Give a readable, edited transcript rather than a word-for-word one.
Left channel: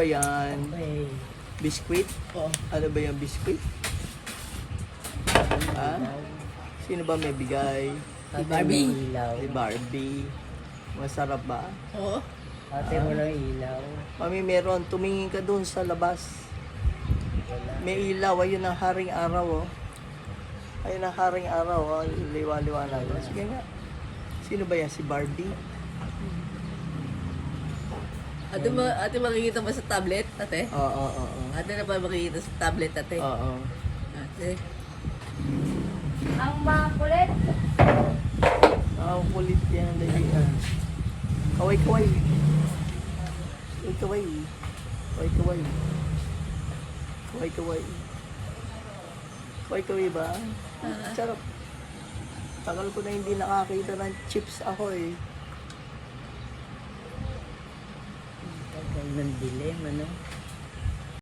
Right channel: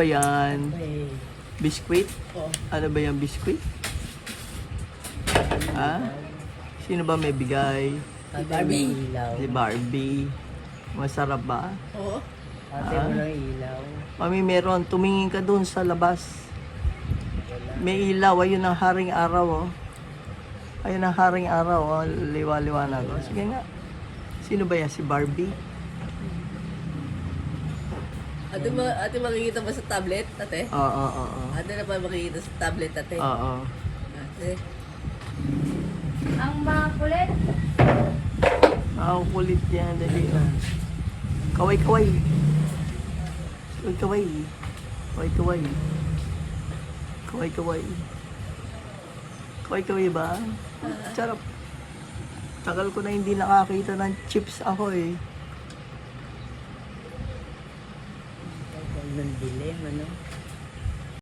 Ayan, Okay. biskwit. Oo. Ano ba yung biskwit? Ha? Sino ba may bigay? Si Barbie. Ilaw. Si Barbie. Masarap ba? Oo. Ate mo ng ilaw. Mami, meron. Tumingin ka doon sa labas. Wala. May ilaw. Ayun ang haring araw, oh. Ayun ang haring araw, oh. Liwa-liwanag. Oh. Sige nga. Sino ba yan? Si Barbie? Ate makikita ba sa tablet, ate? Oo. Ate na pa makikita sa tablet, ate? Oo. Ate. Ang makulit. Ang kulit yan. Kaway-kaway. Kaway-kaway. Kaway-kaway. Kaway-kaway. Kaway-kaway ba? Sarap. Tagal ko na hindi nakakita ng chips ako eh. Ang dilim, ano?